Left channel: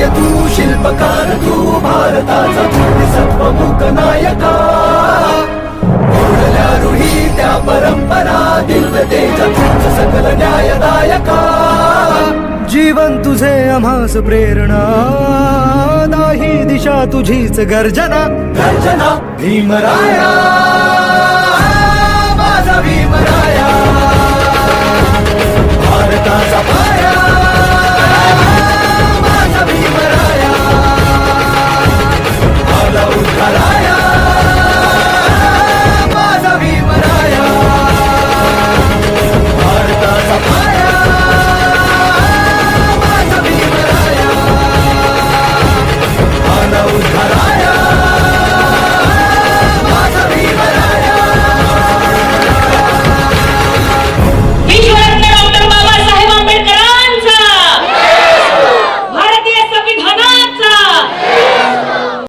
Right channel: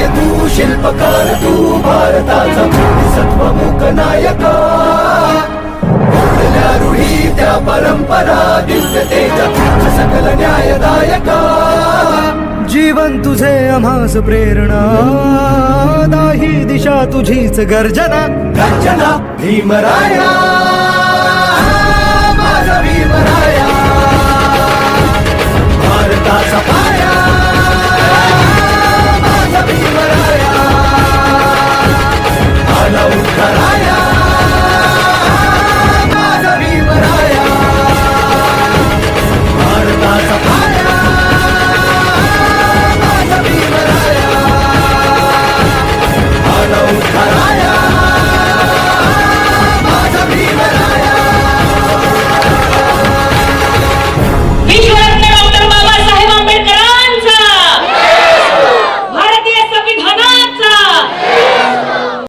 सूर्य तू शिल्पकार तू भारताचा सत्वमुख नायका. ओढल्या रुही त्या परंपरा दिव्य तेजा तुझ सकल न्यायदायका. जीवन तुझे आम्हास प्रेरणा दाही दिशा तुझीच गर्जना. गर्जना भीमराया. माझा भीमराया. भारताचा